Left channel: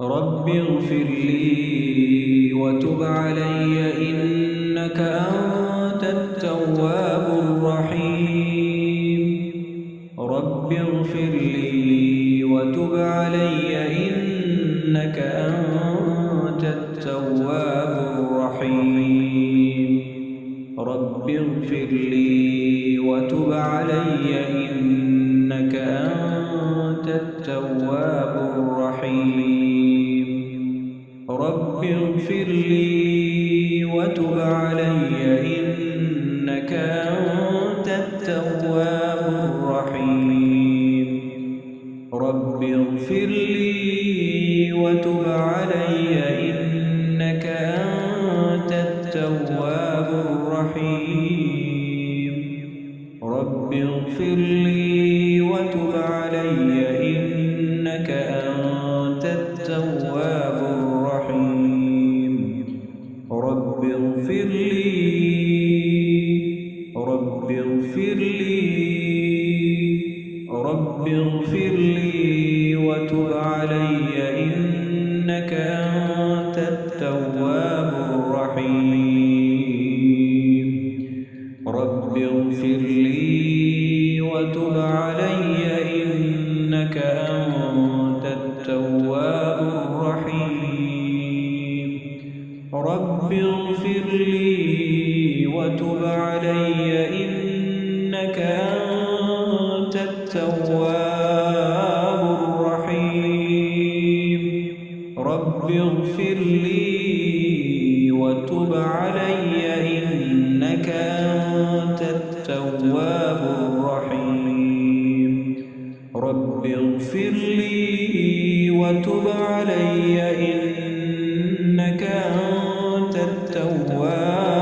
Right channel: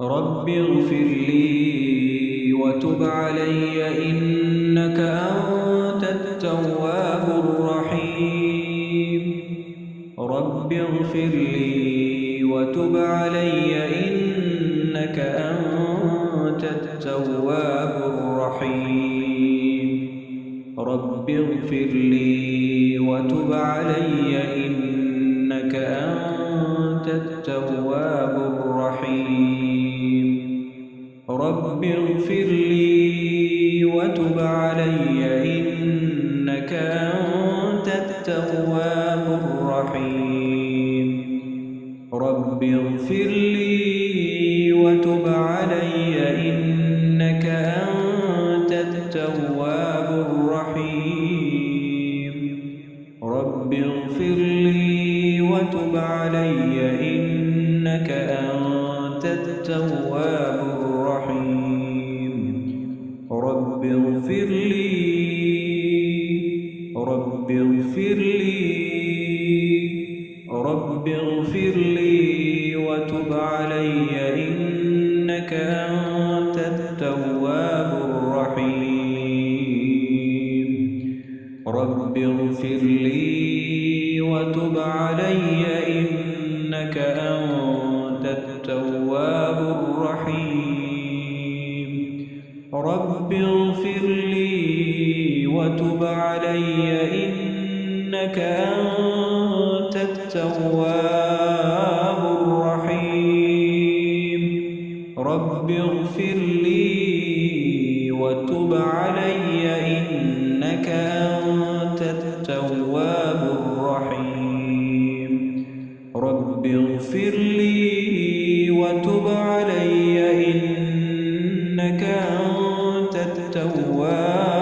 رب اغفر لي وتب علي إنك أنت التواب الرحيم. رب اغفر لي وتب علي إنك أنت التواب الرحيم. رب اغفر لي وتب علي إنك أنت التواب الرحيم. رب اغفر لي وتب علي إنك أنت التواب الرحيم. رب اغفر لي وتب علي إنك أنت التواب الرحيم. رب اغفر لي وتب علي إنك أنت التواب الرحيم. رب اغفر لي رب اغفر لي رب اغفر لي وتب علي إنك أنت التواب الرحيم. رب اغفر لي وتب علي إنك أنت التواب الرحيم. رب اغفر لي وتب علي إنك أنت التواب الرحيم. رب اغفر لي وتب علي إنك أنت التواب الرحيم. رب اغفر لي وتب علي إنك أنت التواب